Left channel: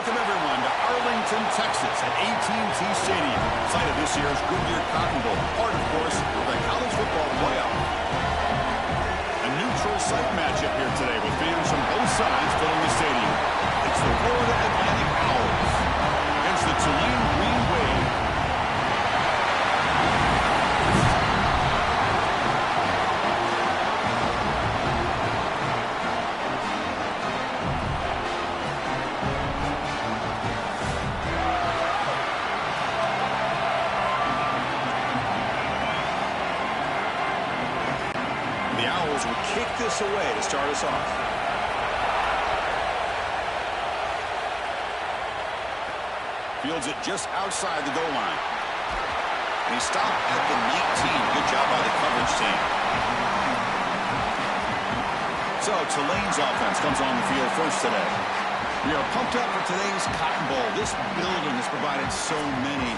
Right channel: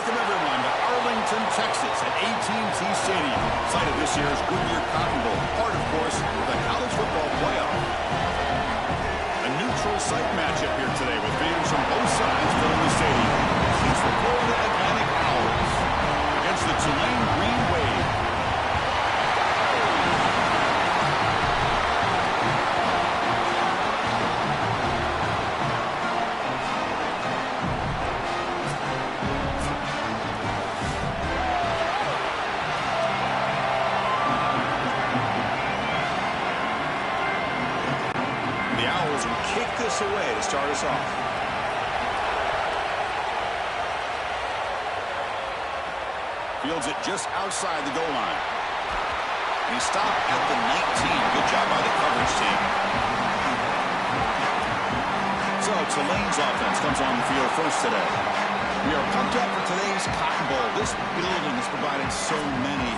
Welcome, everyone, to Arlington, Texas at AT&T Stadium, site of this year's Goodyear Cotton Bowl, part, of course, of the college football playoff. A neutral site matchup here today with fans from both sides filling the stadium. It's the Florida Atlantic Owls against the Tulane Green Wave. The Owls will kick this away to start us off. Fields it just outside the goal line. And he stopped at the 19. Good job by the coverage team. So Tulane's offense comes on the field first today. We are pumped up for today's Cotton Bowl. This building has provided so many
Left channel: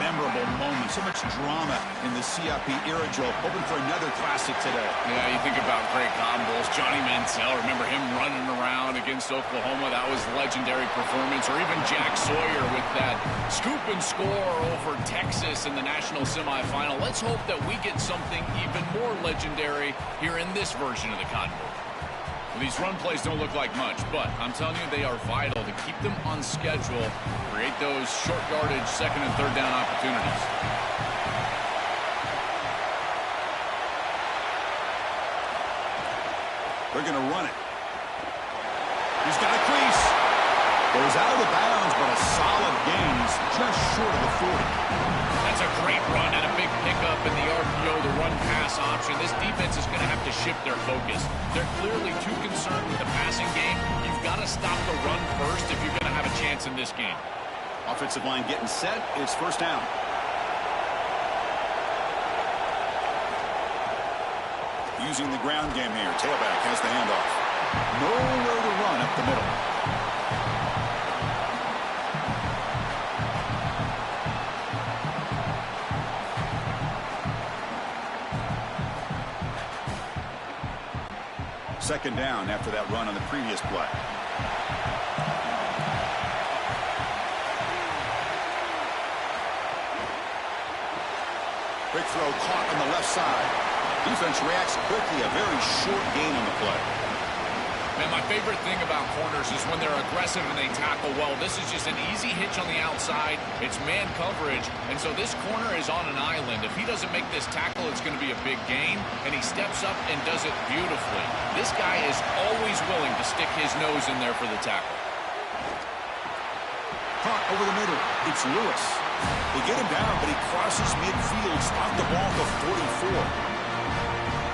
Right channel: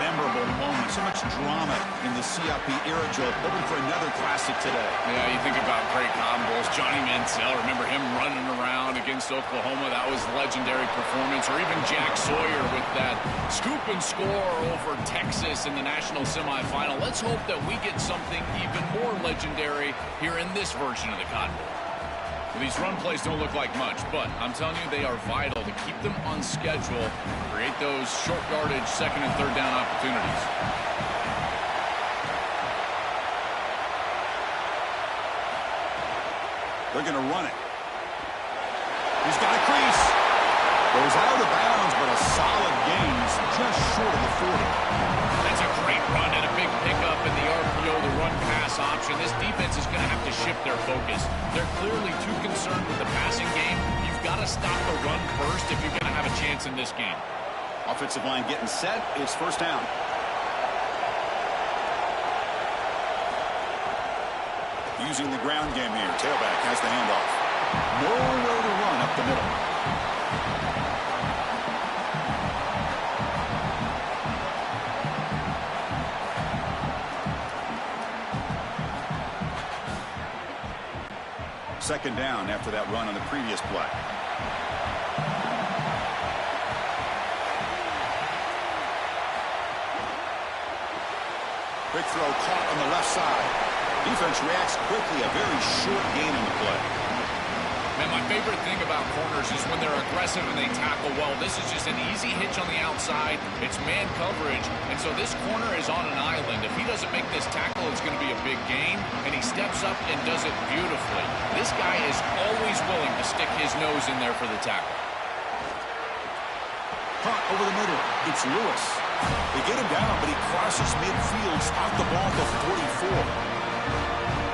memorable moments, so much drama in the CIP era, Joe. Hoping for another classic today. Yeah, you think about great Cotton Bowls. Johnny Manziel, remember him running around against Oklahoma? That was legendary performance. Or even Jack Sawyer with that scoop and score over Texas in the national semifinal. Let's hope that we get something even more legendary here in this version of the Cotton Bowl. Well, these run plays don't look like much, but I'm telling you, they are vital to keep them on schedule, create those short yardage second and third down opportunities. They're going to run it. He's got a crease. Goes out of bounds, but a solid gain. He's just short of the 40. That's a great run and a big pickup in the RPO, the run-pass option. This defense is going to have to shift their focus. They're clearly too concerned with the passing game. You've got to stop the run first if you're going to have a chance in this game. Offensive line getting set. It's first down. Using the ground game here. Tailback has the handoff. Nowhere to run up the middle. Second down after that run on the previous play. Quick throw caught on the left side. Defense reacts quickly. A very short gain on the play. Man, my favorite thing about corners is when they're aggressive and they tackle well. This is just an easy hitch on the outside. It's man coverage, and so this corner is on an island. If he doesn't make this tackle, it's going to be a big gain, and he steps up and does it beautifully. This guy is always willing to stick his nose in there for the tackle. Caught over the middle. It's Lewis. They get him down, but he crosses midfield, out the ball to 44.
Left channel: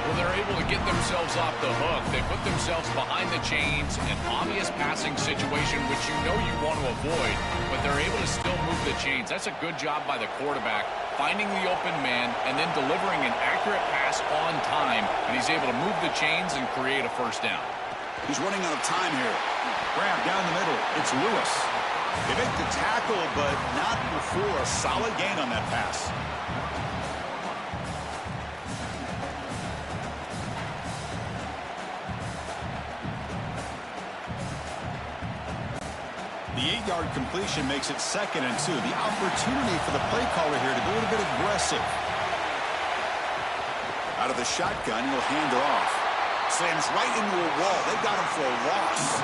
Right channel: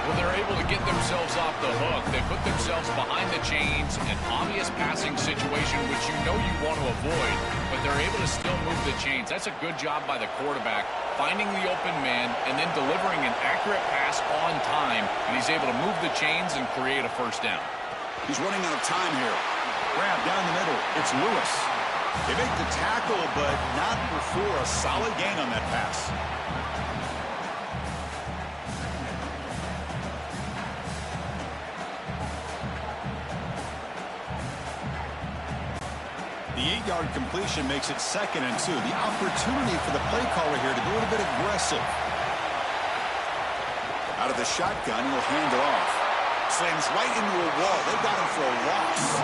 Well, they're able to get themselves off the hook. They put themselves behind the chains, an obvious passing situation, which you know you want to avoid, but they're able to still move the chains. That's a good job by the quarterback, finding the open man and then delivering an accurate pass on time, and he's able to move the chains and create a first down. He's running out of time here. Grab down the middle. It's Lewis. They make the tackle, but not before a solid gain on that pass. The 8-yard completion makes it 2nd and 2. The opportunity for the play caller here to be a little bit aggressive. Out of the shotgun, he'll hand it off. Slams right into a wall. They got him for a loss.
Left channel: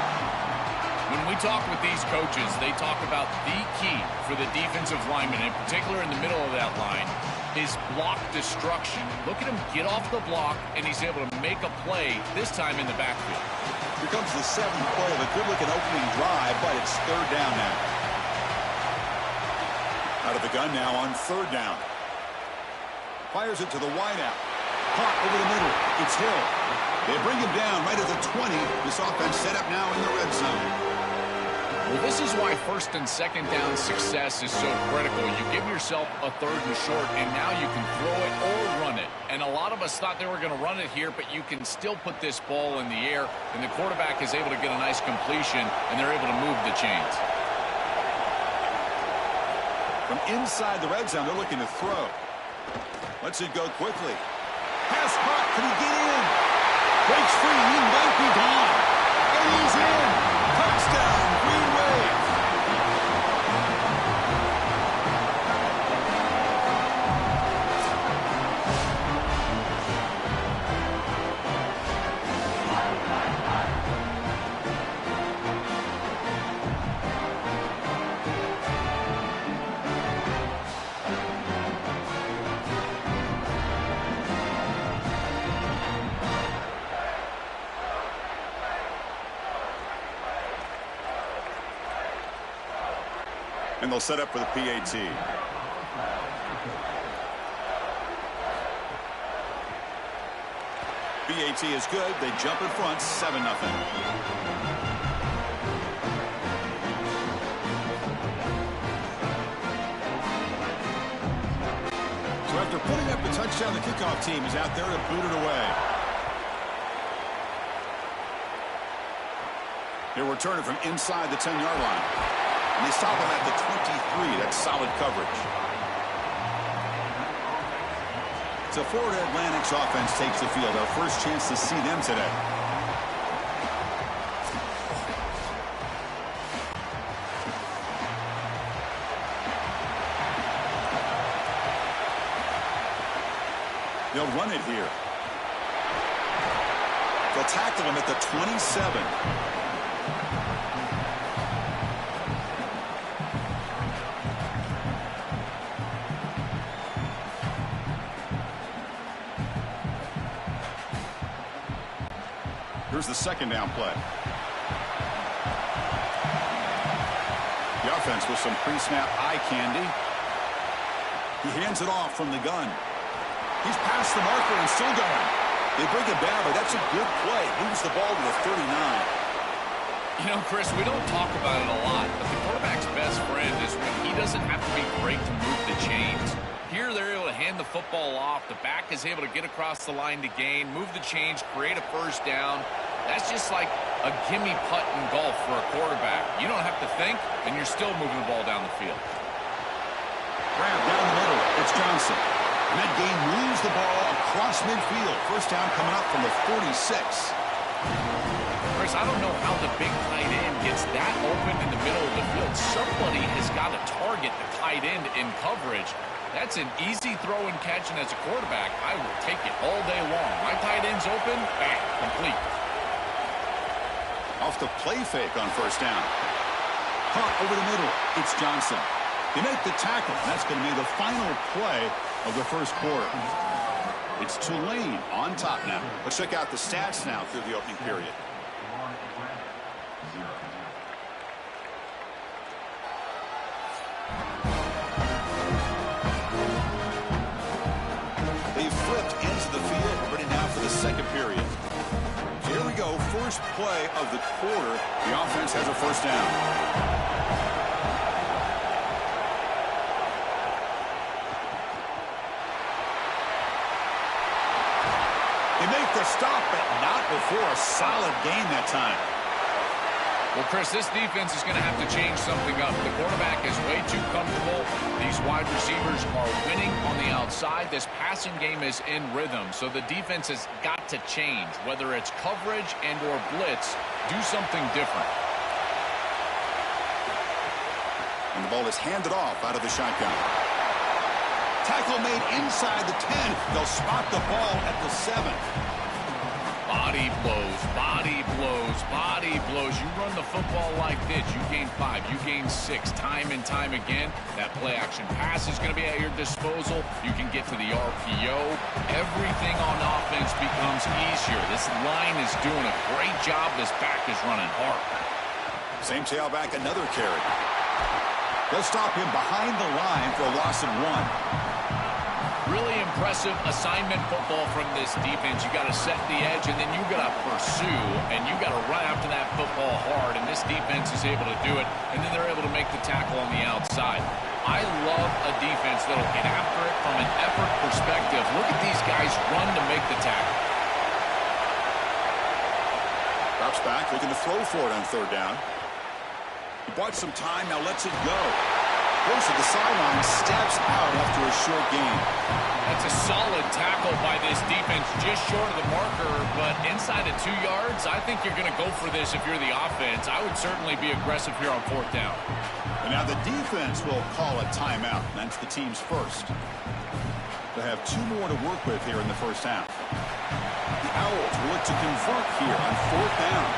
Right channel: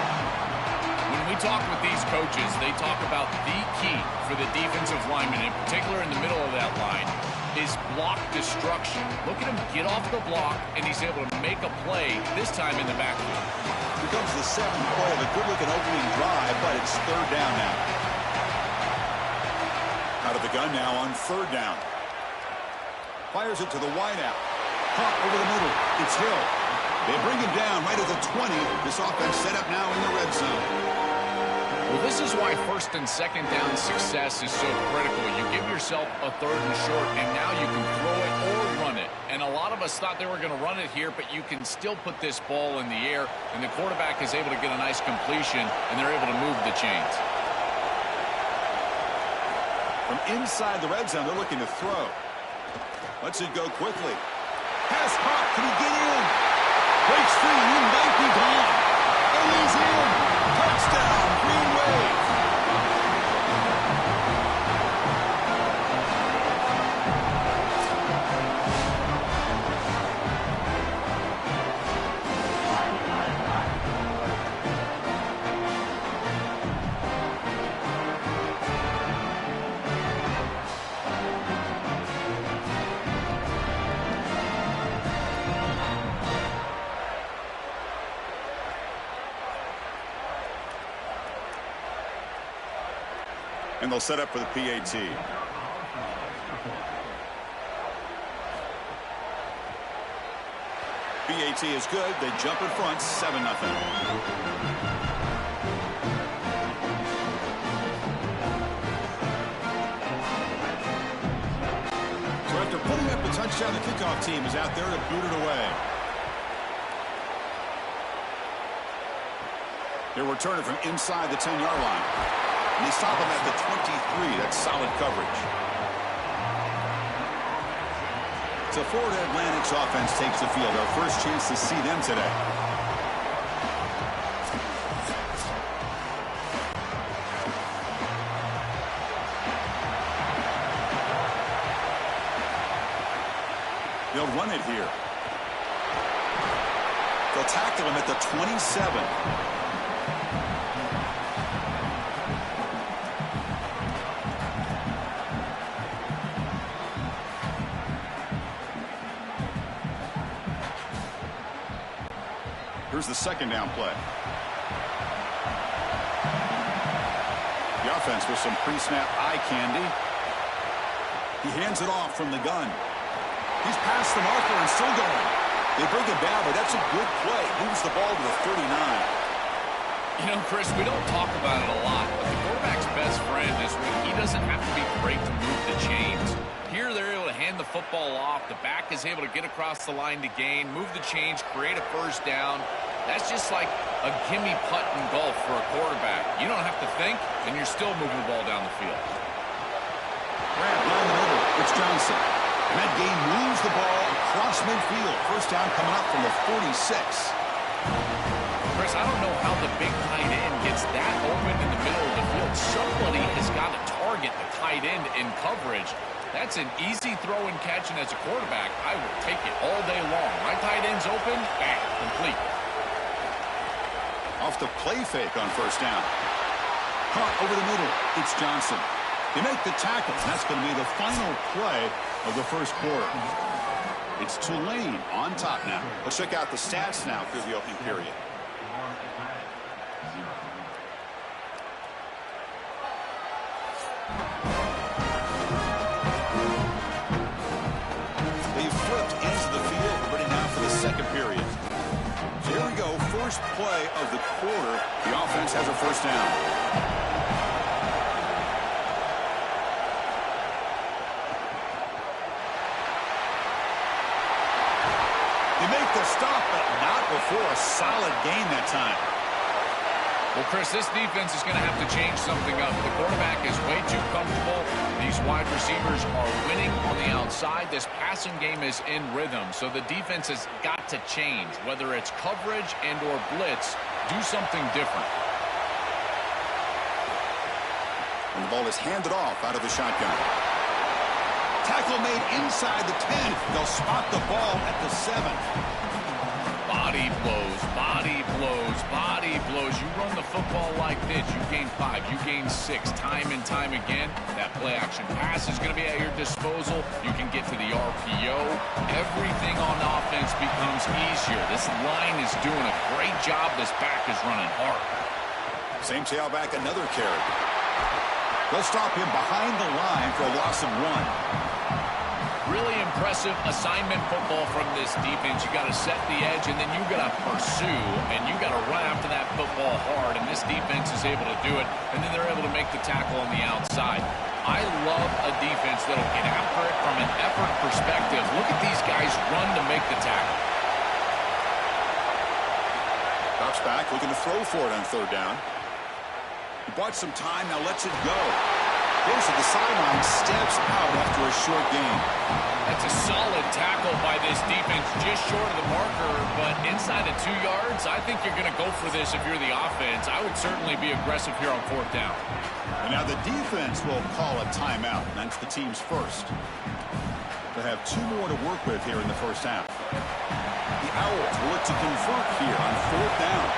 When we talk with these coaches, they talk about the key for the defensive lineman, in particular in the middle of that line, is block destruction. Look at him get off the block, and he's able to make a play, this time in the backfield. Here comes the 7th play of a good-looking opening drive, but it's third down now. Out of the gun now on third down. Fires it to the wideout. Caught over the middle. It's Hill. They bring him down right at the 20. This offense set up now in the red zone. Well, this is why first and second down success is so critical. You give yourself a third and short, and now you can throw it or run it. And a lot of us thought they were going to run it here, but you can still put this ball in the air, and the quarterback is able to get a nice completion, and they're able to move the chains. From inside the red zone, they're looking to throw. Lets it go quickly. Pass caught. Can he get in? Breaks free. He might be gone. And he's in. Touchdown, Green Wave. And they'll set up for the PAT. PAT is good. They jump in front, 7-0. So after putting up a touchdown, the kickoff team is out there to boot it away. They're returning from inside the 10-yard line. And they stop him at the 23. That's solid coverage. So Florida Atlantic's offense takes the field. Our first chance to see them today. They'll run it here. They'll tackle him at the 27. Here's the second down play. The offense with some pre-snap eye candy. He hands it off from the gun. He's past the marker and still going. They bring it down, but that's a good play. Moves the ball to the 39. You know, Chris, we don't talk about it a lot, but the quarterback's best friend is when he doesn't have to be great to move the chains. Here they're able to hand the football off. The back is able to get across the line to gain, move the chains, create a first down. That's just like a gimme putt in golf for a quarterback. You don't have to think, and you're still moving the ball down the field. Grab down the middle. It's Johnson. And that game moves the ball across midfield. First down coming up from the 46. Chris, I don't know how the big tight end gets that open in the middle of the field. Somebody has got to target the tight end in coverage. That's an easy throw and catch, and as a quarterback, I will take it all day long. My tight end's open, bang, complete. Off the play fake on first down. Caught over the middle. It's Johnson. They make the tackle, and that's going to be the final play of the first quarter. It's Tulane on top now. Let's check out the stats now through the opening period. They've flipped ends of the field. We're ready now for the second period. So here we go. First play of the quarter. The offense has a first down. They make the stop, but not before a solid gain that time. Well, Chris, this defense is going to have to change something up. The quarterback is way too comfortable. These wide receivers are winning on the outside. This passing game is in rhythm, so the defense has got to change. Whether it's coverage and or blitz, do something different. And the ball is handed off out of the shotgun. Tackle made inside the 10. They'll spot the ball at the 7. Body blows, body blows, body blows. You run the football like this, you gain 5, you gain 6, time and time again. That play action pass is going to be at your disposal. You can get to the RPO. Everything on offense becomes easier. This line is doing a great job. This back is running hard. Same tailback, another carry. They'll stop him behind the line for a loss of 1. Really impressive assignment football from this defense. You got to set the edge, and then you got to pursue, and you got to run after that football hard, and this defense is able to do it, and then they're able to make the tackle on the outside. I love a defense that'll get after it from an effort perspective. Look at these guys run to make the tackle. Drops back, looking to throw for it on third down. He bought some time, now lets it go. Goes to the sideline, steps out after a short gain. That's a solid tackle by this defense, just short of the marker, but inside of 2 yards, I think you're going to go for this if you're the offense. I would certainly be aggressive here on fourth down. And now the defense will call a timeout. That's the team's first. They have 2 more to work with here in the first half. The Owls will look to convert here on fourth down.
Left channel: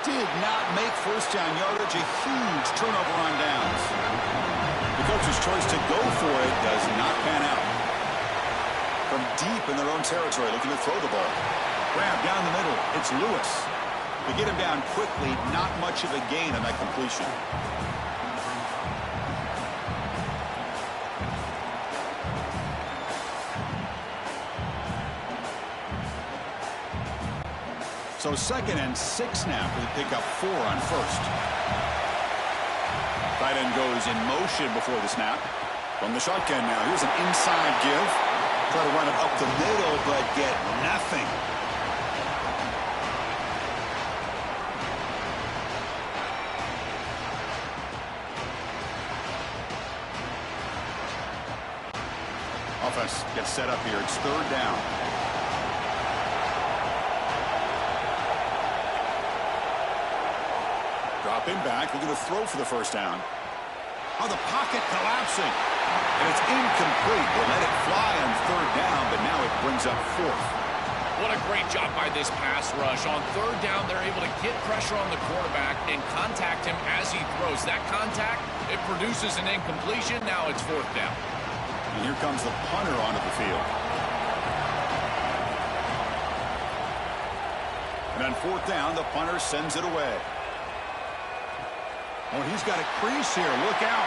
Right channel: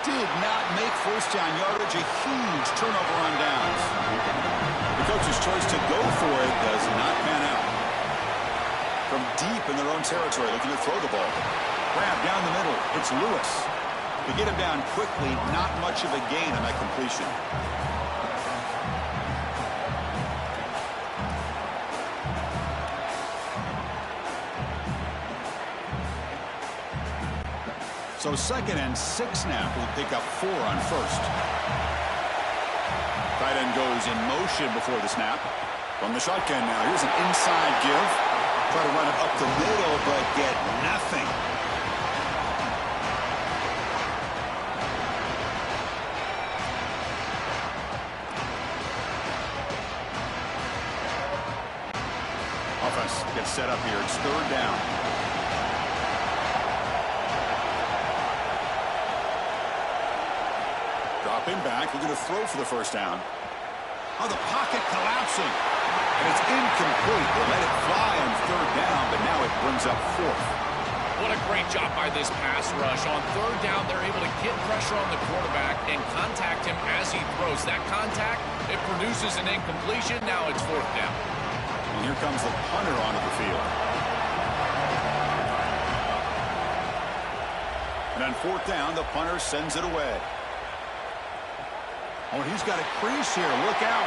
Did not make first down yardage, a huge turnover on downs. The coach's choice to go for it does not pan out. From deep in their own territory, looking to throw the ball. Grab down the middle. It's Lewis. To get him down quickly, not much of a gain on that completion. So 2nd and 6 now for the pickup 4 on first. Tight end goes in motion before the snap. From the shotgun now, here's an inside give. Try to run it up the middle, but get nothing. Offense gets set up here. It's 3rd down. Dropping back, looking to throw for the 1st down. Oh, the pocket collapsing. And it's incomplete. They let it fly on 3rd down, but now it brings up 4th. What a great job by this pass rush. On 3rd down, they're able to get pressure on the quarterback and contact him as he throws. That contact, it produces an incompletion. Now it's 4th down. And here comes the punter onto the field. And on 4th down, the punter sends it away. Oh, and he's got a crease here. Look out.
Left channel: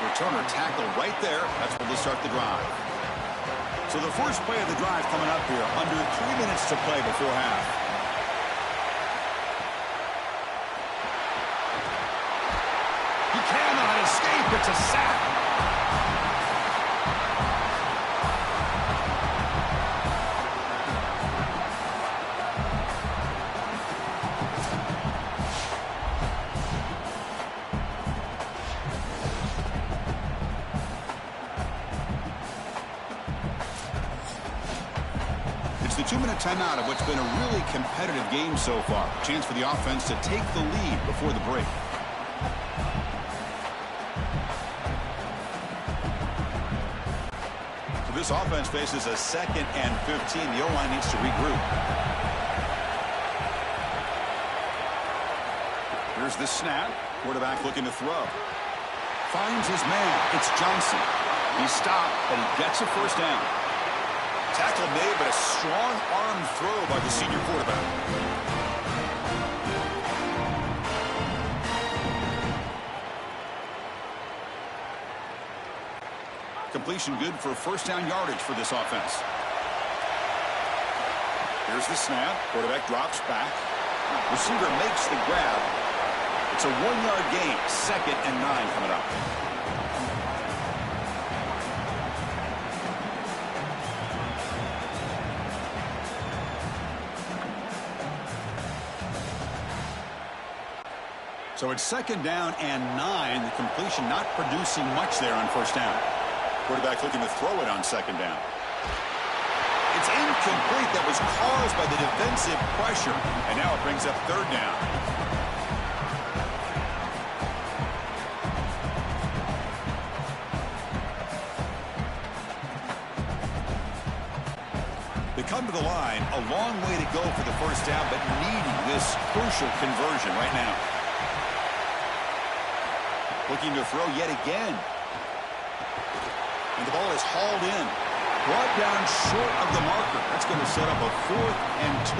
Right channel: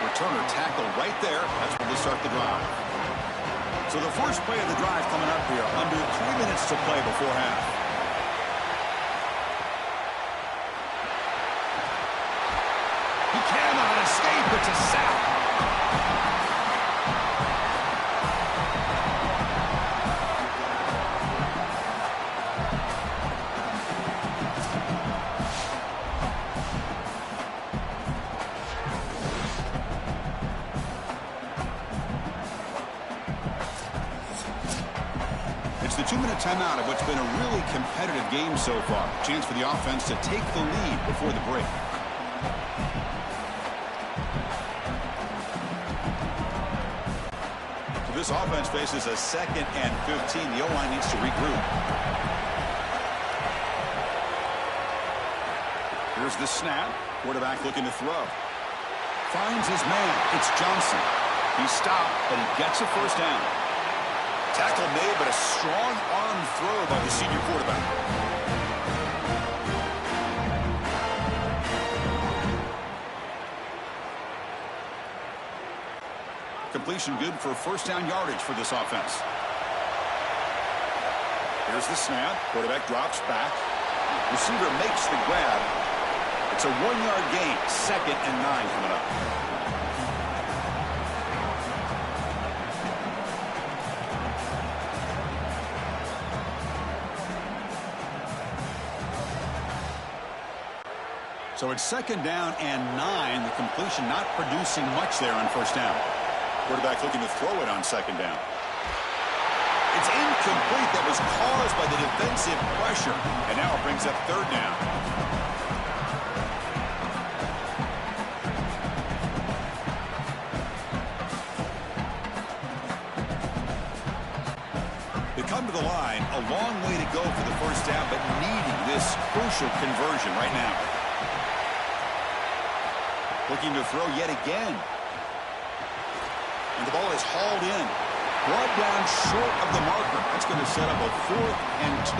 Returner tackle right there. That's where they'll start the drive. So the first play of the drive coming up here. Under 3 minutes to play before half. He cannot escape. It's a sack. The 2-minute timeout of what's been a really competitive game so far. Chance for the offense to take the lead before the break. So this offense faces a 2nd and 15. The O-line needs to regroup. Here's the snap. Quarterback looking to throw. Finds his man. It's Johnson. He's stopped, but he gets a 1st down. Tackle made, but a strong arm throw by the senior quarterback. Completion good for 1st down yardage for this offense. Here's the snap. Quarterback drops back. Receiver makes the grab. It's a 1-yard gain. 2nd and 9 coming up. So it's 2nd down and 9. The completion not producing much there on 1st down. Quarterback looking to throw it on 2nd down. It's incomplete. That was caused by the defensive pressure. And now it brings up 3rd down. They come to the line. A long way to go for the 1st down, but needing this crucial conversion right now. Looking to throw yet again. And the ball is hauled in. Brought down short of the marker. That's going to set up a 4th and 2.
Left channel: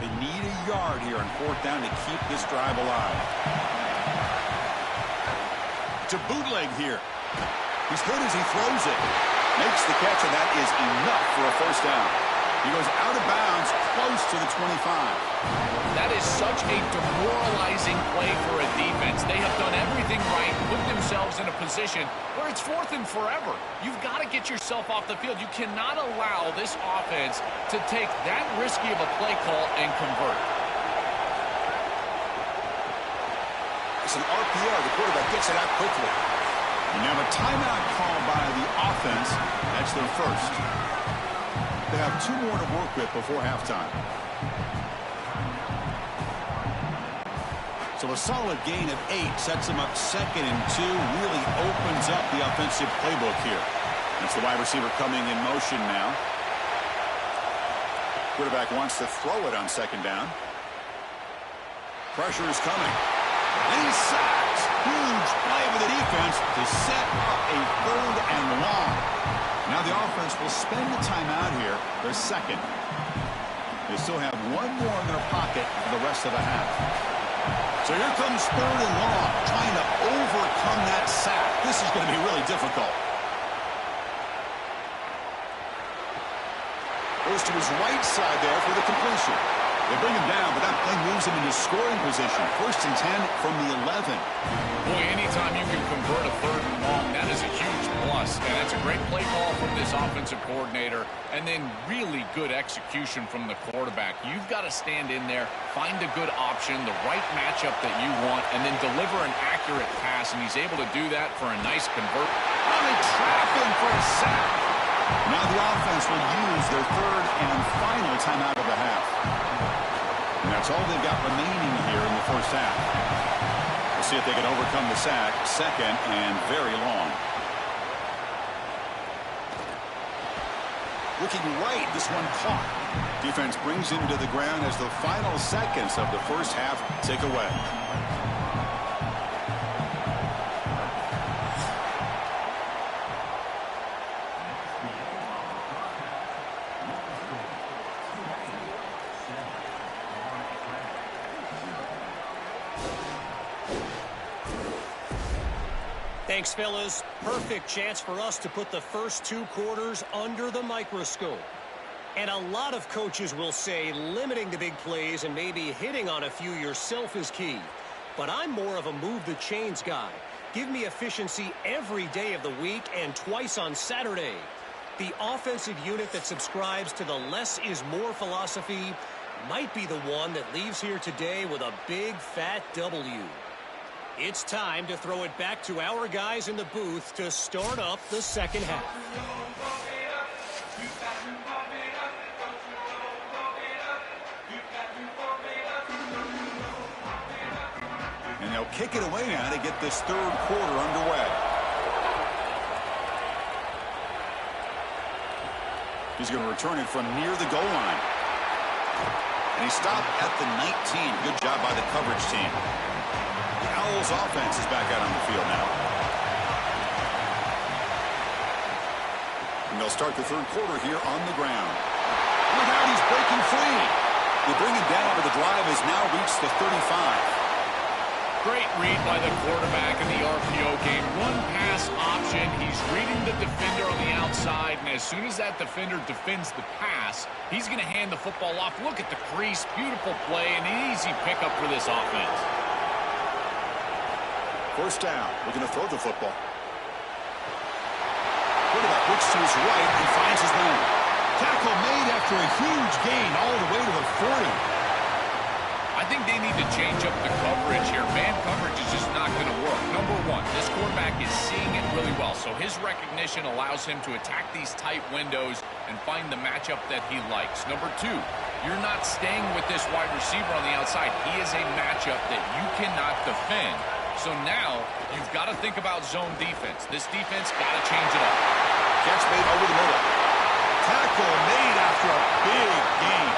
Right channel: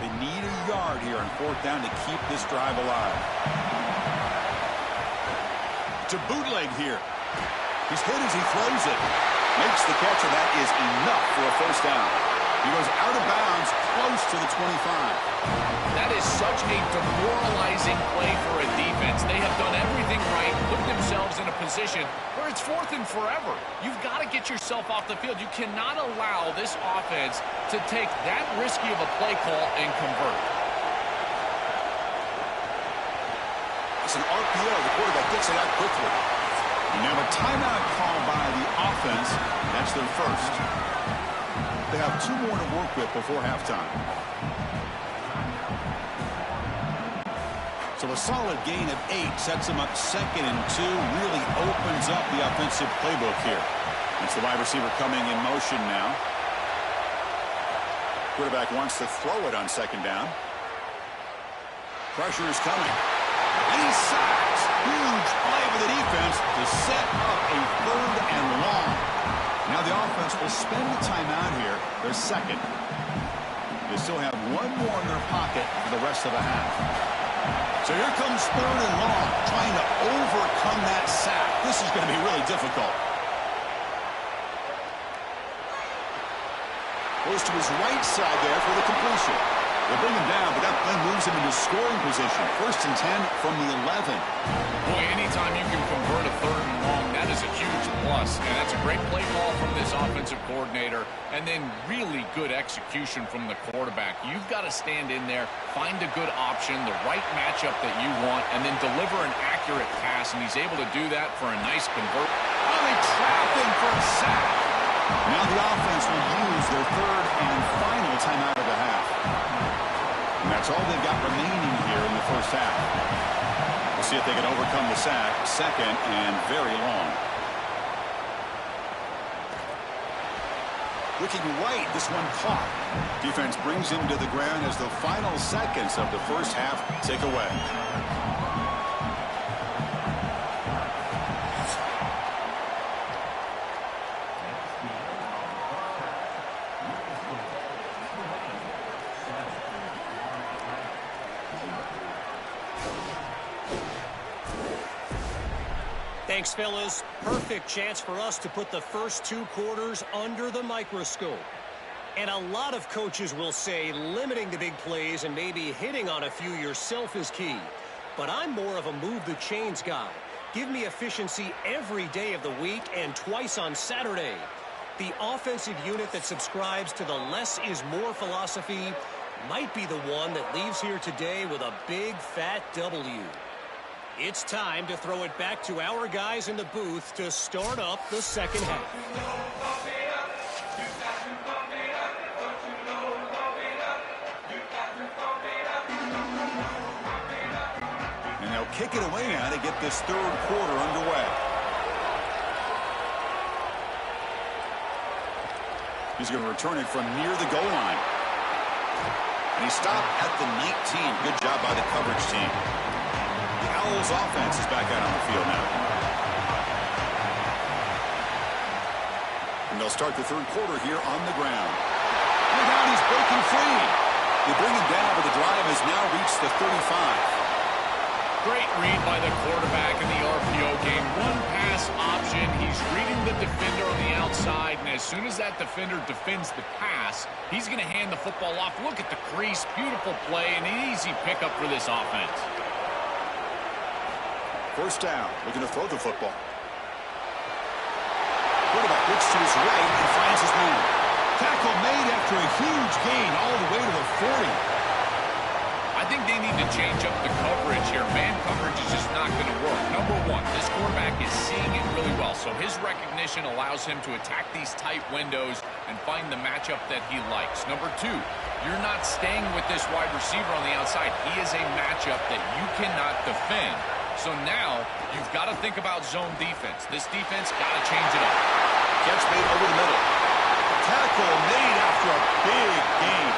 They need a yard here on 4th down to keep this drive alive. To bootleg here. He's hit as he throws it. Makes the catch, and that is enough for a 1st down. He goes out of bounds, close to the 25. That is such a demoralizing play for a defense. They have done everything right, put themselves in a position where it's 4th and forever. You've got to get yourself off the field. You cannot allow this offense to take that risky of a play call and convert. It's an RPO. The quarterback gets it out quickly. You have a timeout call by the offense. That's their 1st. They have 2 more to work with before halftime. So a solid gain of 8 sets them up 2nd and 2. Really opens up the offensive playbook here. That's the wide receiver coming in motion now. Quarterback wants to throw it on 2nd down. Pressure is coming. And he's sacked. Huge play for the defense to set up a 3rd and long. Now the offense will spend the timeout here, their second. They still have one more in their pocket for the rest of the half. So here comes 3rd and long, trying to overcome that sack. This is going to be really difficult. Goes to his right side there for the completion. They bring him down, but that play moves him into scoring position. 1st and 10 from the 11. Boy, anytime you can convert a 3rd and long, that is a huge plus. And that's a great play call from this offensive coordinator. And then really good execution from the quarterback. You've got to stand in there, find a good option, the right matchup that you want, and then deliver an accurate pass. And he's able to do that for a nice convert. Oh, they trap him for a sack. Now the offense will use their 3rd and final timeout of the half. And that's all they've got remaining here in the first half. We'll see if they can overcome the sack. 2nd and very long. Looking right, this one caught. Defense brings him to the ground as the final seconds of the first half tick away. Thanks, fellas. Perfect chance for us to put the first 2 quarters under the microscope. And a lot of coaches will say limiting the big plays and maybe hitting on a few yourself is key. But I'm more of a move the chains guy. Give me efficiency every day of the week and twice on Saturday. The offensive unit that subscribes to the less is more philosophy might be the one that leaves here today with a big fat W. It's time to throw it back to our guys in the booth to start up the second half. And they'll kick it away now to get this 3rd quarter underway. He's going to return it from near the goal line. And he stopped at the 19. Good job by the coverage team. The Owls offense is back out on the field now. And they'll start the 3rd quarter here on the ground. Look out, he's breaking free. They bring him down, but the drive has now reached the 35. Great read by the quarterback in the RPO game. Run pass option. He's reading the defender on the outside, and as soon as that defender defends the pass, he's going to hand the football off. Look at the crease. Beautiful play and an easy pickup for this offense. First down, looking to throw the football. Quarterback looks to his right and finds his man. Tackle made after a huge gain all the way to the 40. I think they need to change up the coverage here. Man coverage is just not going to work. Number one, this quarterback is seeing it really well, so his recognition allows him to attack these tight windows and find the matchup that he likes. Number two, you're not staying with this wide receiver on the outside. He is a matchup that you cannot defend. So now you've got to think about zone defense. This defense got to change it up. Catch made over the middle. Tackle made after a big gain.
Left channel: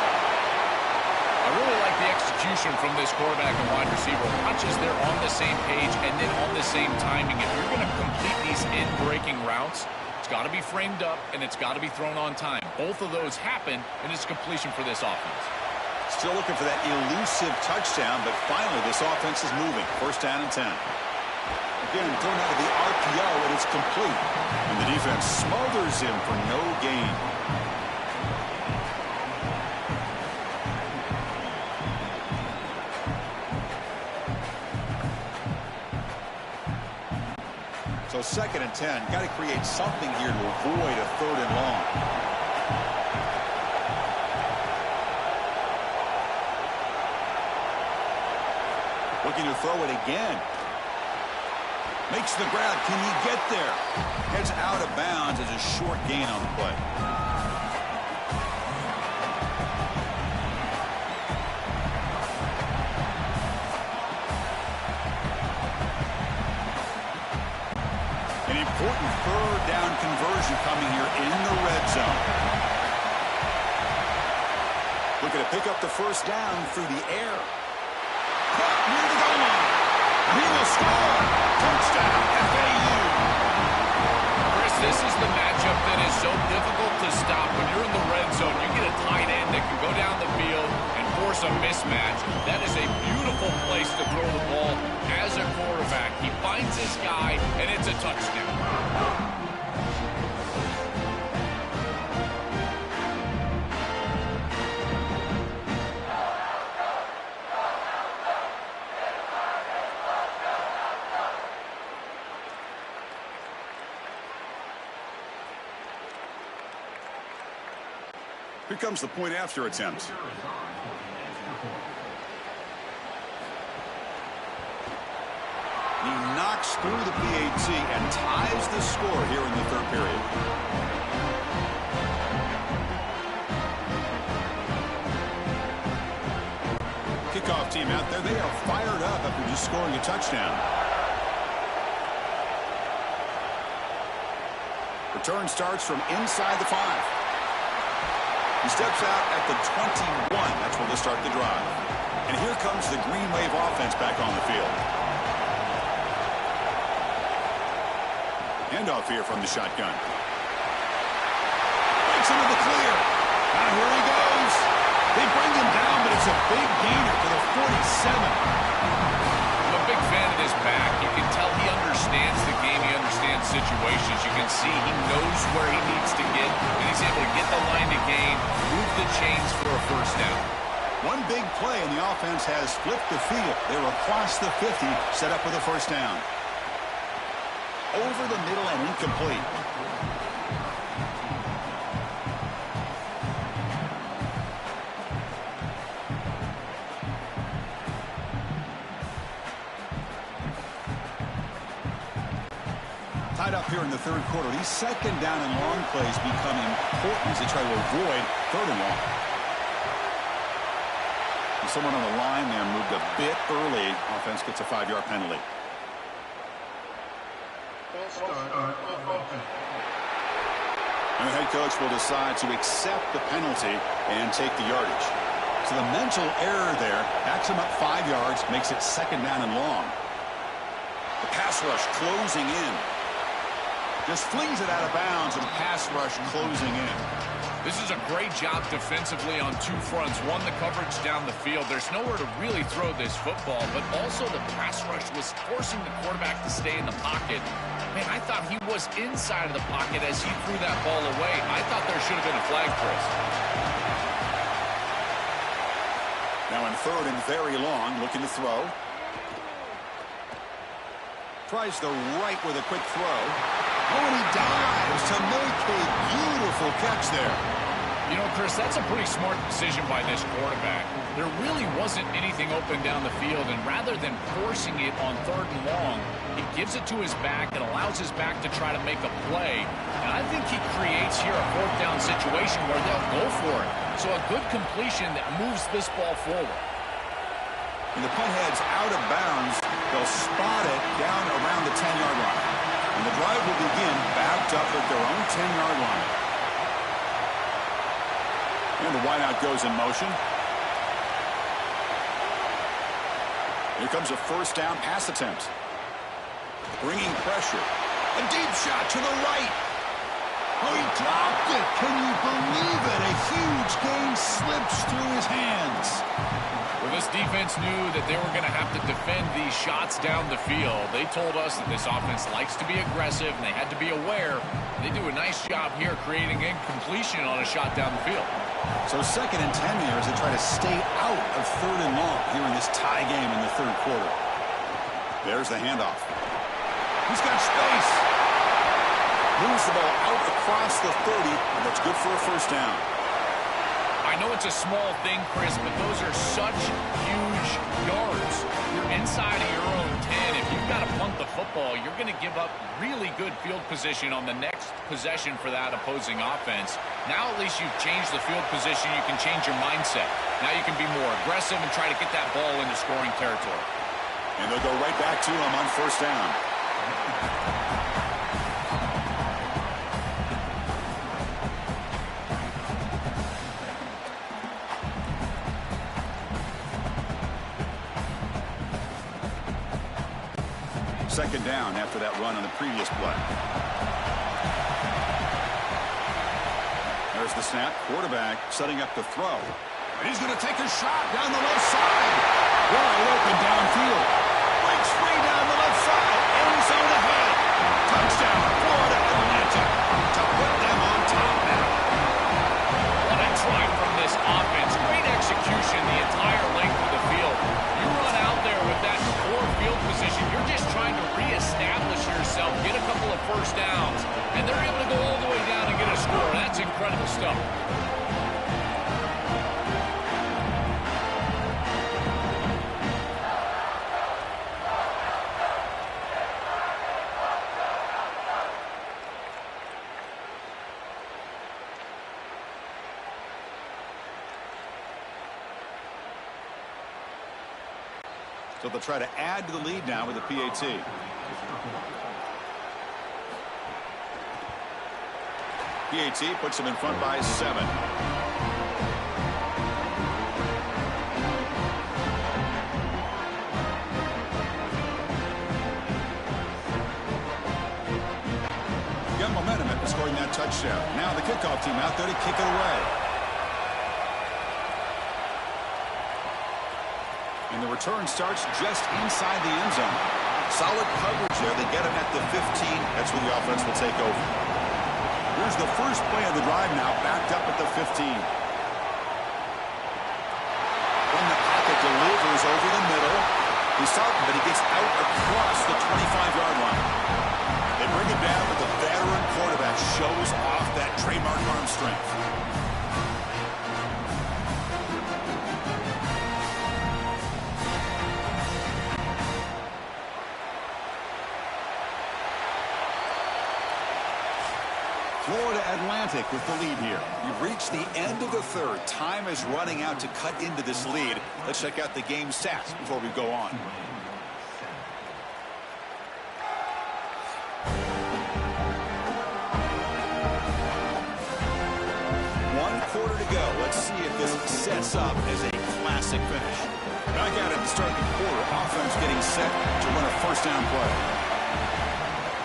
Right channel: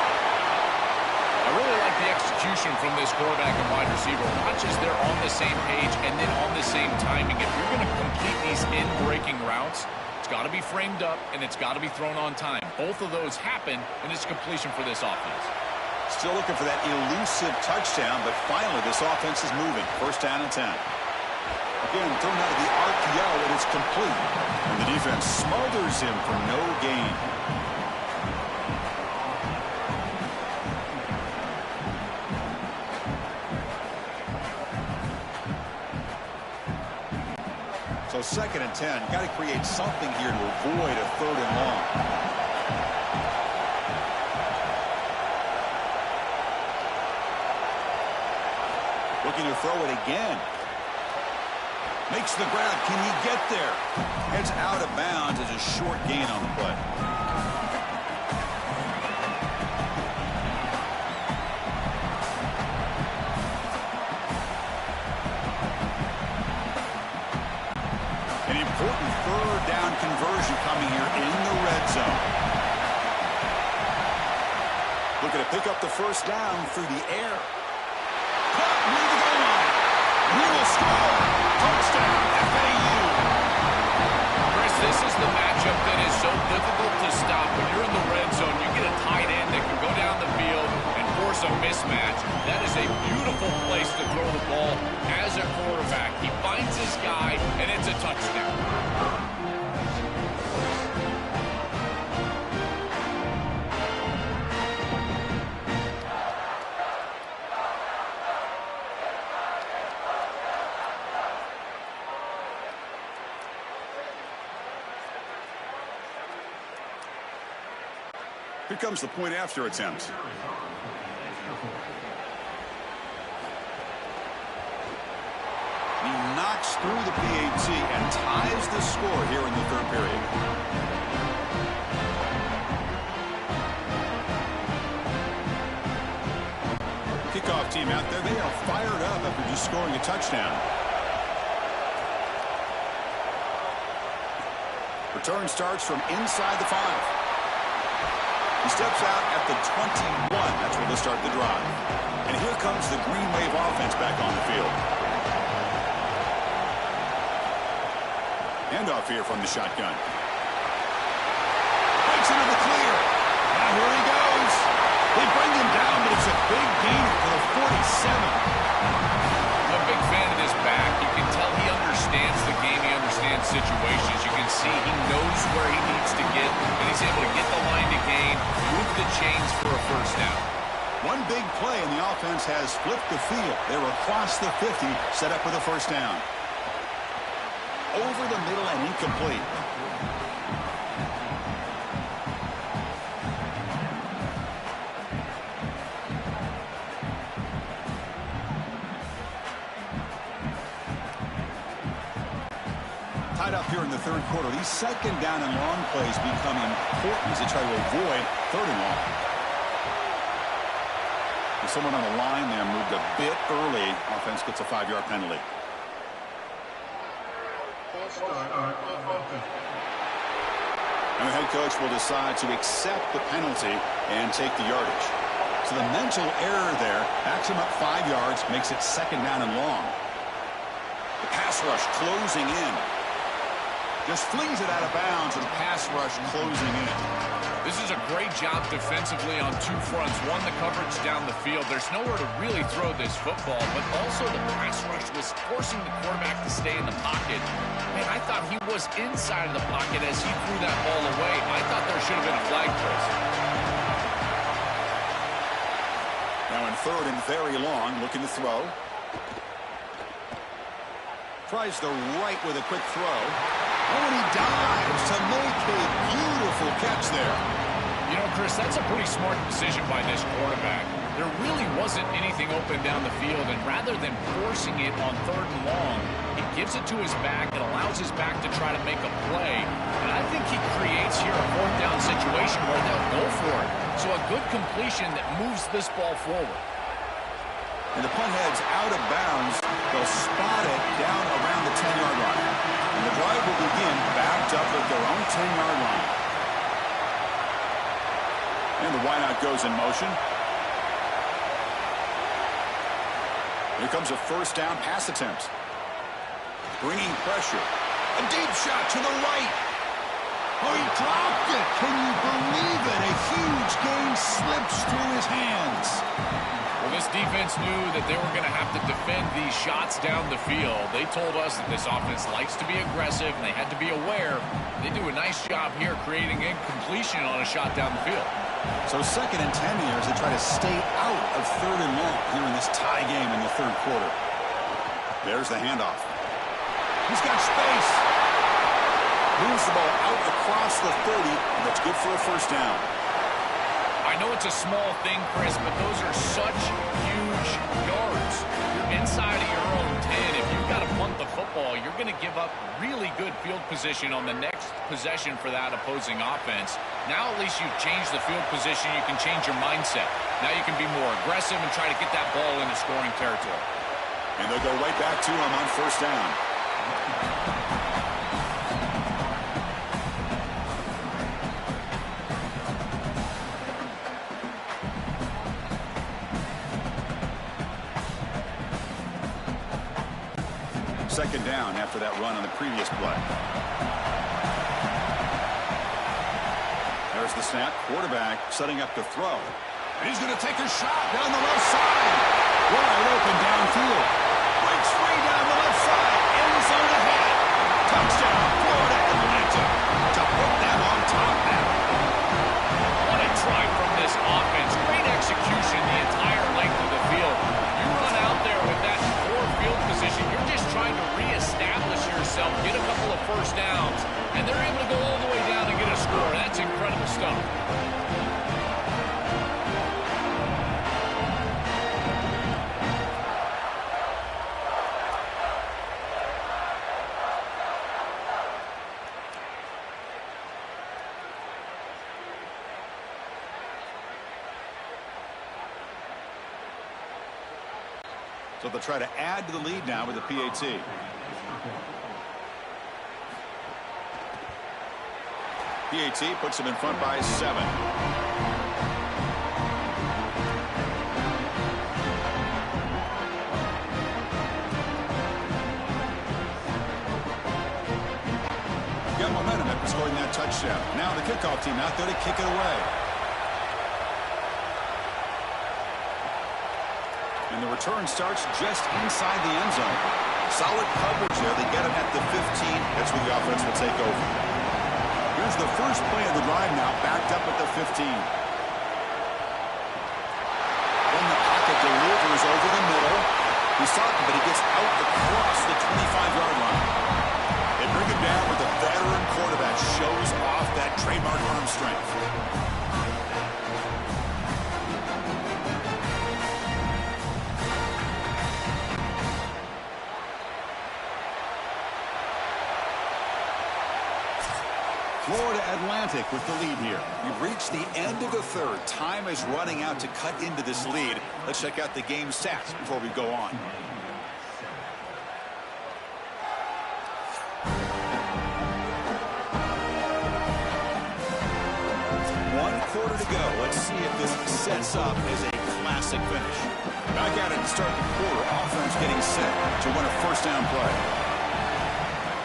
I really like the execution from this quarterback and wide receiver. Watch as they're on the same page and then on the same timing. If you're going to complete these in-breaking routes, it's got to be framed up and it's got to be thrown on time. Both of those happen, and it's completion for this offense. Still looking for that elusive touchdown, but finally this offense is moving. First down and 10. Again, thrown out of the RPO, and it's complete. And the defense smothers him for no gain. So 2nd and 10. Got to create something here to avoid a 3rd and long. Looking to throw it again. Makes the grab. Can he get there? Heads out of bounds as a short gain on the play. An important 3rd down conversion coming here in the red zone. Looking to pick up the first down through the air. Caught near the goal line. He will score. Touchdown, FAU. Chris, this is the matchup that is so difficult to stop. When you're in the red zone, you get a tight end that can go down the field and force a mismatch. That is a beautiful place to throw the ball as a quarterback. He finds his guy, and it's a touchdown. Here comes the point after attempt. He knocks through the PAT and ties the score here in the third period. Kickoff team out there. They are fired up after just scoring a touchdown. Return starts from inside the 5. He steps out at the 21. That's where they'll start the drive. And here comes the Green Wave offense back on the field. Handoff here from the shotgun. Breaks into the clear. Now here he goes. They bring him down, but it's a big gainer to the 47. I'm a big fan of this back. You can tell he understands the game. He understands situations. You can see he knows where he needs to get, and he's able to get the line to gain, move the chains for a first down. One big play, and the offense has flipped the field. They're across the 50, set up with a first down. Over the middle and incomplete. Tied up here in the third quarter. These second down and long plays become important as they try to avoid third and long. And someone on the line there moved a bit early. Offense gets a 5-yard penalty. And the head coach will decide to accept the penalty and take the yardage. So the mental error there backs him up 5 yards, makes it second down and long. The pass rush closing in. Just flings it out of bounds, and the pass rush closing in. This is a great job defensively on two fronts. One, the coverage down the field. There's nowhere to really throw this football, but also the pass rush was forcing the quarterback to stay in the pocket. Man, I thought he was inside of the pocket as he threw that ball away. I thought there should have been a flag, Chris. Now in third and very long, looking to throw. Tries the right with a quick throw. Oh, and he dives to make a beautiful catch there. You know, Chris, that's a pretty smart decision by this quarterback. There really wasn't anything open down the field, and rather than forcing it on third and long, he gives it to his back and allows his back to try to make a play. And I think he creates here a fourth down situation where they'll go for it. So a good completion that moves this ball forward. And the punt heads out of bounds. They'll spot it down around the 10-yard line. And the drive will begin backed up at their own 10-yard line. And the wideout goes in motion. Here comes a first down pass attempt. Bringing pressure. A deep shot to the right. Oh, he dropped it. Can you believe it? A huge gain slips through his hands. Well, this defense knew that they were going to have to defend these shots down the field. They told us that this offense likes to be aggressive, and they had to be aware. They do a nice job here creating incompletion on a shot down the field. So second and 10 here as they try to stay out of third and long here in this tie game in the third quarter. There's the handoff. He's got space. Moves the ball out across the 30, and that's good for a first down. I know it's a small thing, Chris, but those are such huge yards. You're inside of your own 10. If you've got to punt the football, you're going to give up really good field position on the next possession for that opposing offense. Now at least you've changed the field position. You can change your mindset. Now you can be more aggressive and try to get that ball into scoring territory. And they'll go right back to him on first down. second down after that run on the previous play. There's the snap. Quarterback setting up to throw. And he's going to take a shot down the left side. Wide open downfield. Breaks free down the left side. End zone ahead. Touchdown, Florida Atlantic. To put them on top now. What a drive from this offense. Great execution the entire length of the field. You run out there with that poor field position. You're just trying to reestablish yourself, get a couple of first downs, and they're able to go all the way down and get a score. That's incredible stuff. So they'll try to add to the lead now with a PAT. PAT puts them in front by 7. Got momentum after scoring that touchdown. Now the kickoff team out there to kick it away. And the return starts just inside the end zone. Solid coverage there. They get him at the 15. That's where the offense will take over. Here's the first play of the drive now, backed up at the 15. When the pocket delivers over the middle. He's starting, but he gets out across the 25-yard line. They bring him down, but the veteran quarterback shows off that trademark arm strength. Florida Atlantic with the lead here. We've reached the end of the third. Time is running out to cut into this lead. Let's check out the game stats before we go on. One quarter to go. Let's see if this sets up as a classic finish. Back at it to start the quarter. Offense getting set to run a first down play.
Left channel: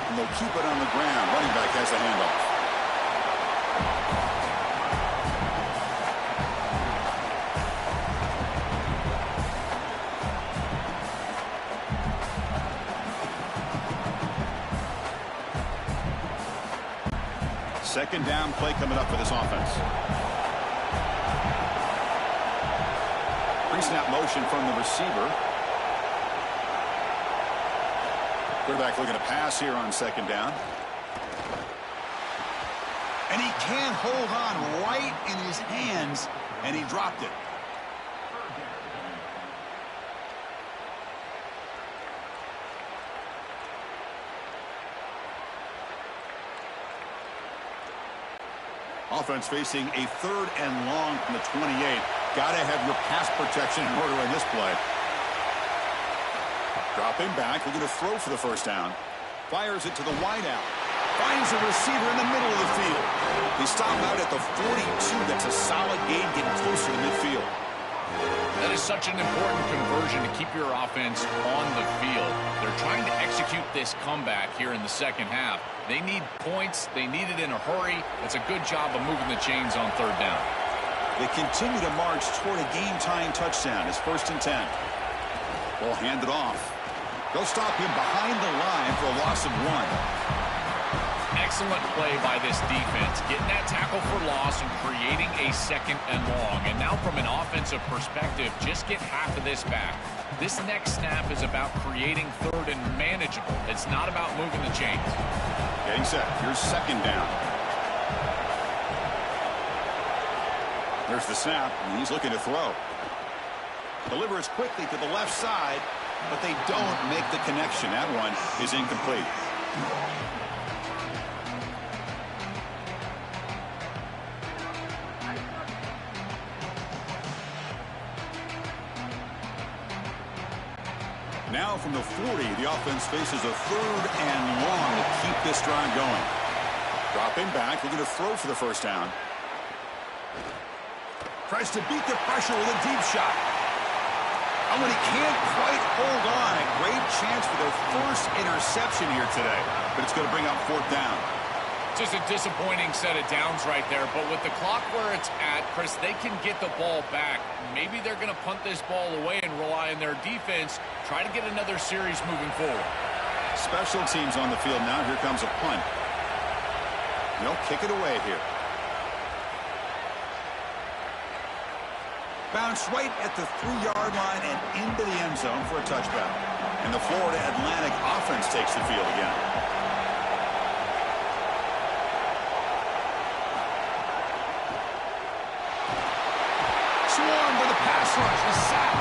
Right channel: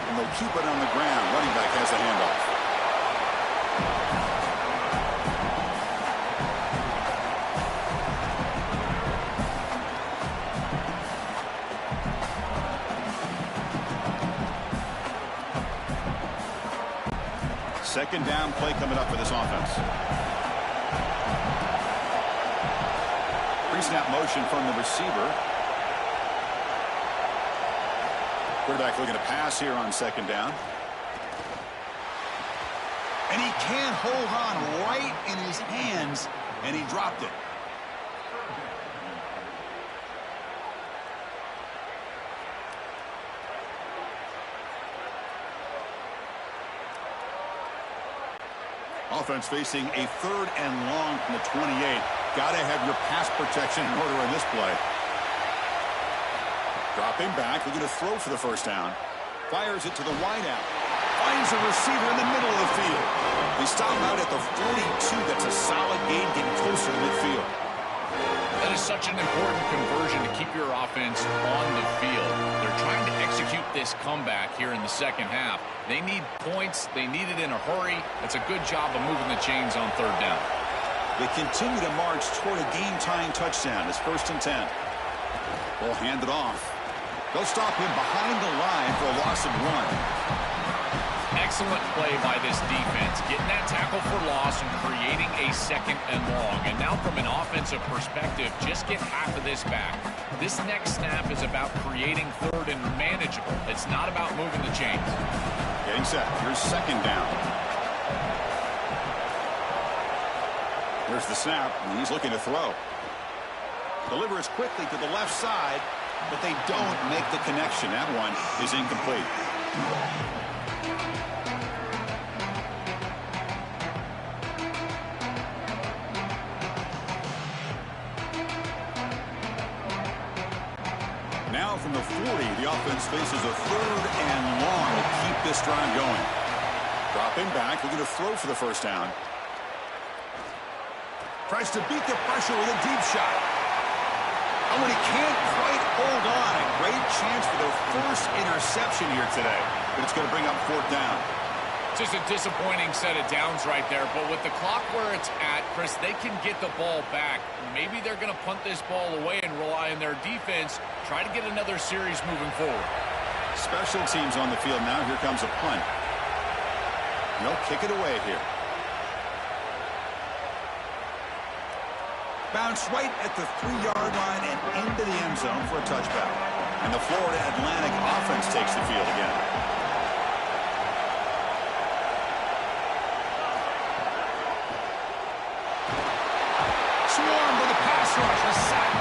And they'll keep it on the ground. Running back has the handoff. Second down play coming up for this offense. Pre-snap motion from the receiver. Quarterback looking to pass here on second down. And he can't hold on right in his hands, and he dropped it. Offense facing a third and long from the 28. Got to have your pass protection in order in this play. Dropping back, looking to throw for the first down. Fires it to the wideout. Finds a receiver in the middle of the field. They stop out at the 42. That's a solid gain, getting closer to midfield. That is such an important conversion to keep your offense on the field. They're trying to execute this comeback here in the second half. They need points. They need it in a hurry. It's a good job of moving the chains on third down. They continue to march toward a game-tying touchdown. It's 1st and 10. Ball handed off. They'll stop him behind the line for a loss of 1. Excellent play by this defense, getting that tackle for loss and creating a second and long. And now from an offensive perspective, just get half of this back. This next snap is about creating third and manageable. It's not about moving the chains. Getting set. Here's second down. There's the snap, and he's looking to throw. Delivers quickly to the left side, but they don't make the connection. That one is incomplete. Now from the 40, the offense faces a third and long to keep this drive going. Dropping back, looking to throw for the first down. Tries to beat the pressure with a deep shot. And when he can't quite hold on, a great chance for their first interception here today. But it's going to bring up fourth down. Just a disappointing set of downs right there. But with the clock where it's at, Chris, they can get the ball back. Maybe they're going to punt this ball away and rely on their defense. Try to get another series moving forward. Special teams on the field now. Here comes a punt. They'll kick it away here. Bounce right at the 3-yard line and into the end zone for a touchback. And the Florida Atlantic offense takes the field again. Swarm with a pass rush, a sack.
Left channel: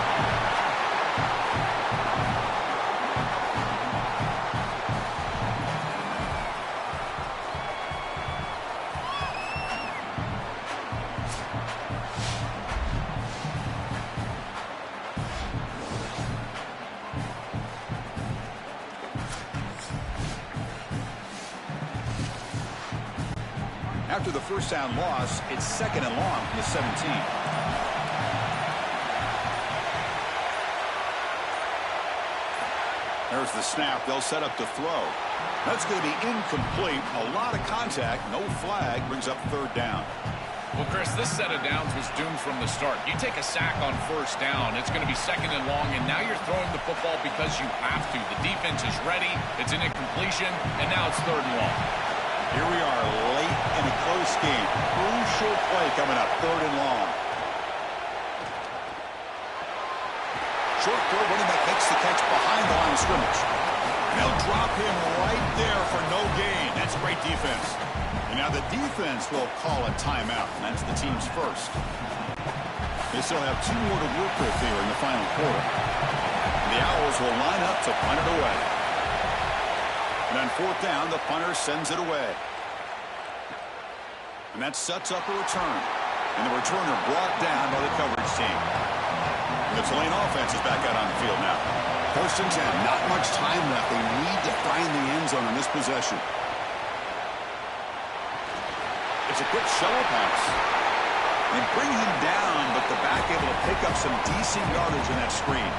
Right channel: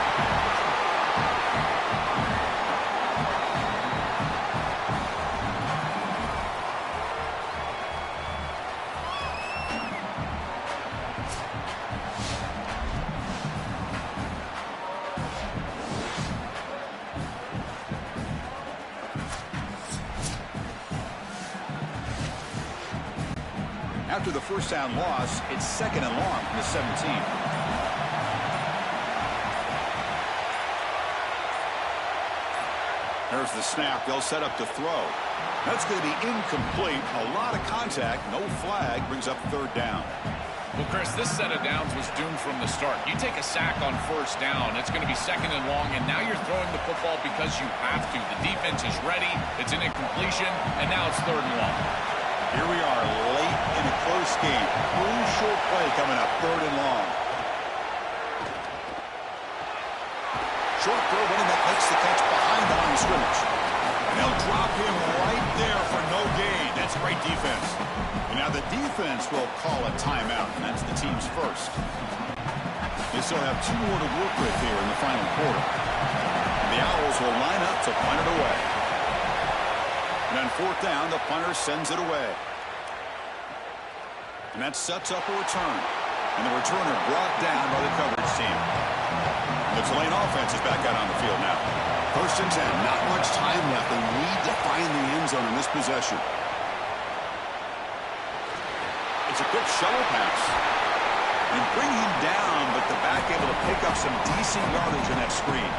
After the first down loss, it's second and long from the 17. There's the snap. They'll set up to throw. That's going to be incomplete. A lot of contact. No flag. Brings up third down. Well, Chris, this set of downs was doomed from the start. You take a sack on first down, it's going to be second and long, and now you're throwing the football because you have to. The defense is ready. It's an incompletion, and now it's third and long. Here we are late in a close game. Crucial play coming up. Third and long. Short throw, running back makes the catch behind the line of scrimmage. And they'll drop him right there for no gain. That's great defense. And now the defense will call a timeout, and that's the team's first. They still have 2 more to work with here in the final quarter. And the Owls will line up to punt it away. And on fourth down, the punter sends it away. And that sets up a return. And the returner brought down by the coverage team. And the Tulane offense is back out on the field now. First and 10, not much time left. They need to find the end zone in this possession. It's a quick shovel pass. They bring him down, but the back able to pick up some decent yardage in that screen.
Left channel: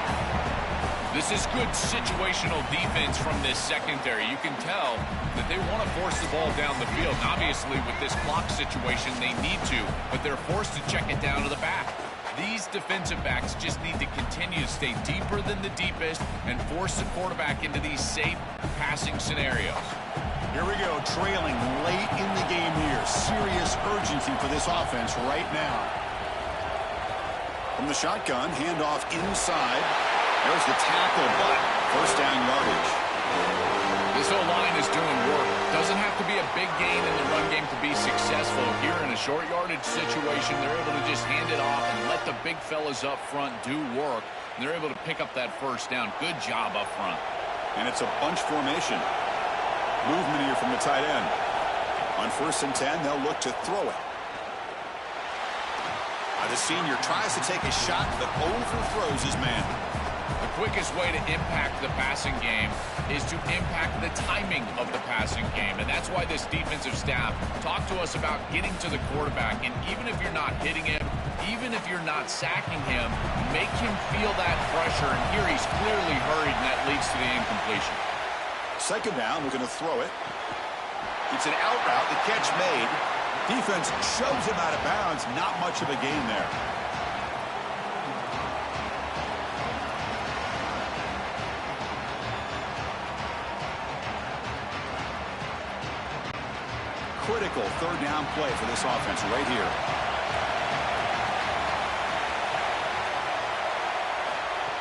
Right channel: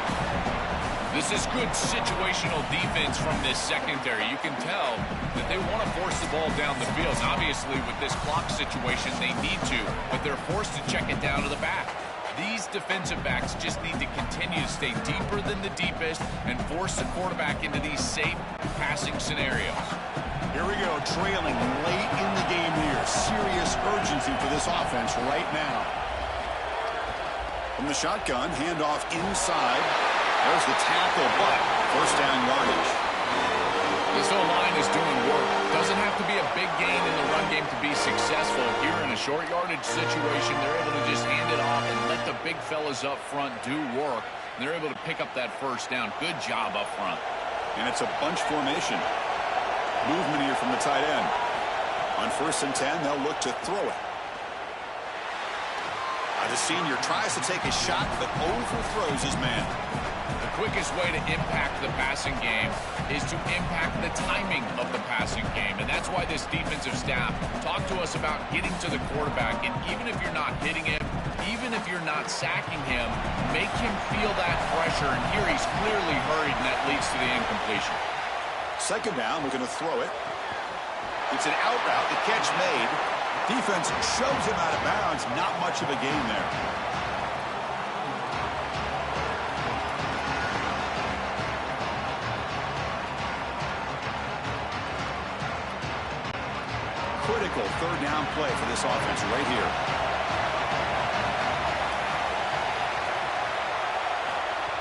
This is good situational defense from this secondary. You can tell that they want to force the ball down the field. And obviously, with this clock situation, they need to, but they're forced to check it down to the back. These defensive backs just need to continue to stay deeper than the deepest and force the quarterback into these safe passing scenarios. Here we go, trailing late in the game here. Serious urgency for this offense right now. From the shotgun, handoff inside. There's the tackle, but first down yardage. This O-line is doing work. Doesn't have to be a big gain in the run game to be successful. Here in a short yardage situation, they're able to just hand it off and let the big fellas up front do work. And they're able to pick up that first down. Good job up front. And it's a bunch formation. Movement here from the tight end. On first and 10, they'll look to throw it. The senior tries to take a shot, but overthrows his man. The quickest way to impact the passing game is to impact the timing of the passing game. And that's why this defensive staff talked to us about getting to the quarterback. And even if you're not hitting him, even if you're not sacking him, make him feel that pressure. And here he's clearly hurried, and that leads to the incompletion. Second down, we're going to throw it. It's an out route, the catch made. Defense shoves him out of bounds. Not much of a gain there. Critical third down play for this offense right here.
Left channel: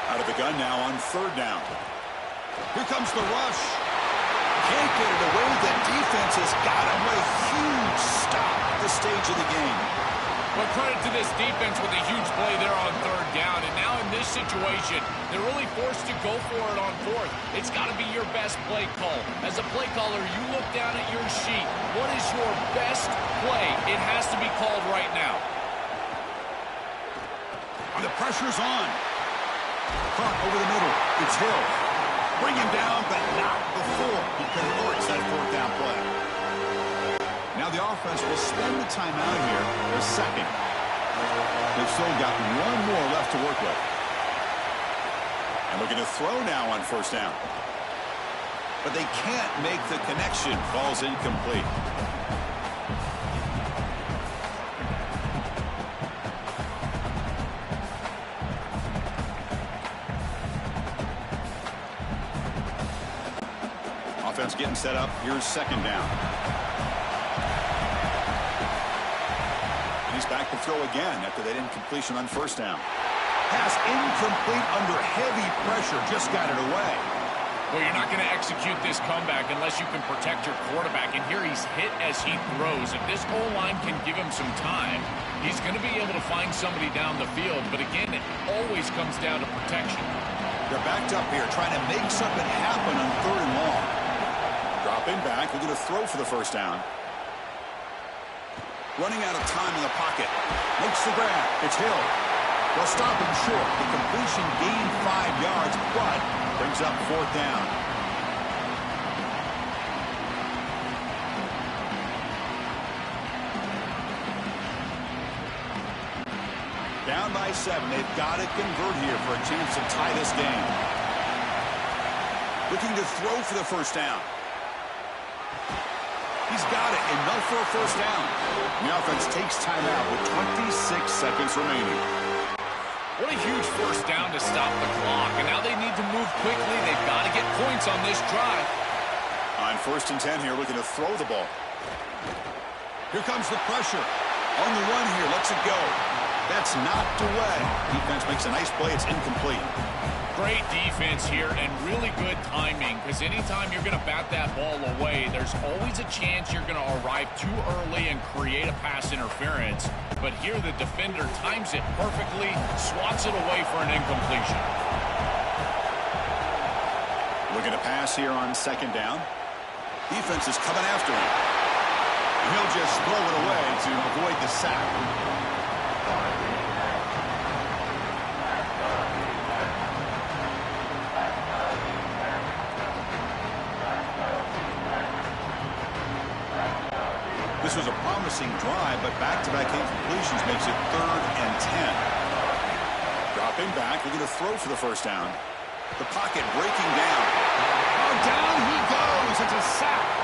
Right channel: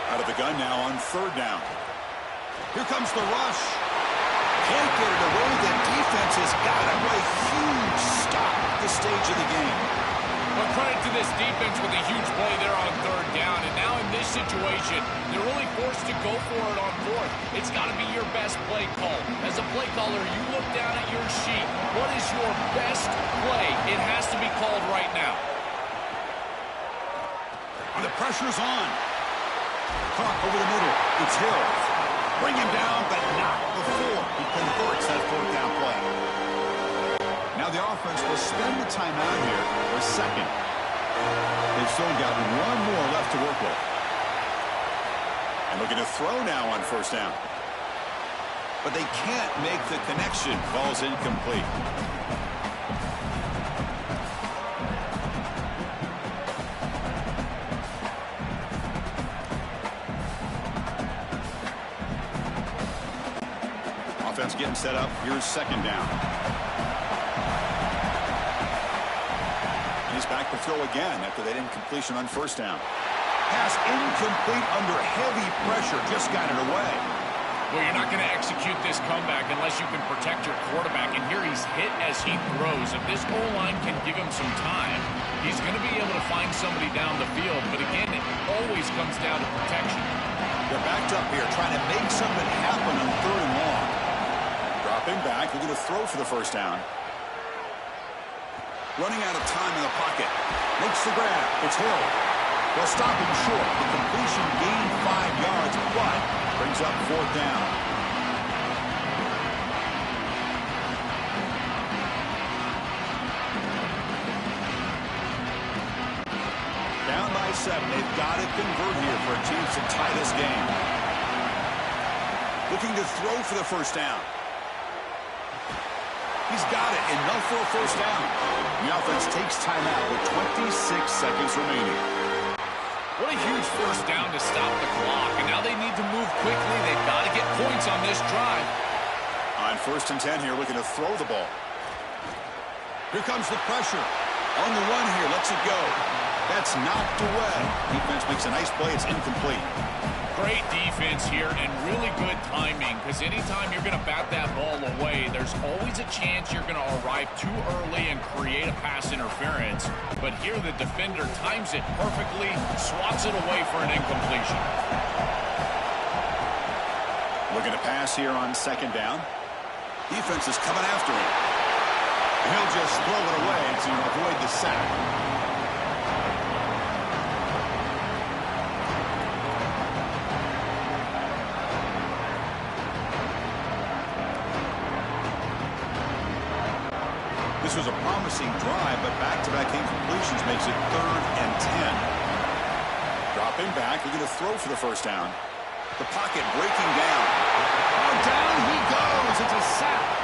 Out of the gun now on third down. Here comes the rush. Can't get it away. The defense has got him. What a huge stop at this stage of the game. Well, credit to this defense with a huge play there on third down. And now in this situation, they're really forced to go for it on fourth. It's got to be your best play call. As a play caller, you look down at your sheet. What is your best play? It has to be called right now. And the pressure's on. Caught over the middle. It's Hill. Bring him down, but not before he converts that fourth down play. Now the offense will spend the timeout here for a second. They've still got one more left to work with. And looking to throw now on first down. But they can't make the connection. Ball's incomplete. Offense getting set up. Here's second down. And he's back to throw again after that incompletion on first down. Pass incomplete under heavy pressure. Just got it away. Well, you're not going to execute this comeback unless you can protect your quarterback. And here he's hit as he throws. If this O-line can give him some time, he's going to be able to find somebody down the field. But again, it always comes down to protection. They're backed up here trying to make something happen on third and long. Dropping back, looking to throw for the first down. Running out of time in the pocket. Makes the grab. It's Hill. They'll stop him short. The completion gained 5 yards, but brings up fourth down. Down by 7. They've got to convert here for a chance to tie this game. Looking to throw for the first down. He's got it. Enough for a first down. The offense takes timeout with 26 seconds remaining. What a huge first down to stop the clock. And now they need to move quickly. They've got to get points on this drive. On 1st and 10 here, looking to throw the ball. Here comes the pressure. On the run here, lets it go. That's knocked away. Defense makes a nice play. It's incomplete. Great defense here and really good timing, because anytime you're going to bat that ball away, there's always a chance you're going to arrive too early and create a pass interference. But here the defender times it perfectly, swats it away for an incompletion. Looking to pass here on second down. Defense is coming after him. And he'll just throw it away to avoid the sack. This was a promising drive, but back-to-back incompletions makes it 3rd and 10. Dropping back, looking to throw for the first down. The pocket breaking down. Oh, down he goes. It's a sack.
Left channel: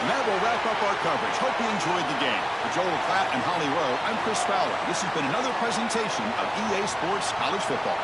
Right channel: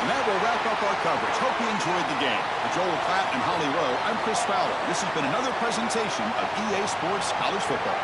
And that will wrap up our coverage. Hope you enjoyed the game. For Joel Klatt and Holly Rowe, I'm Chris Fowler. This has been another presentation of EA Sports College Football.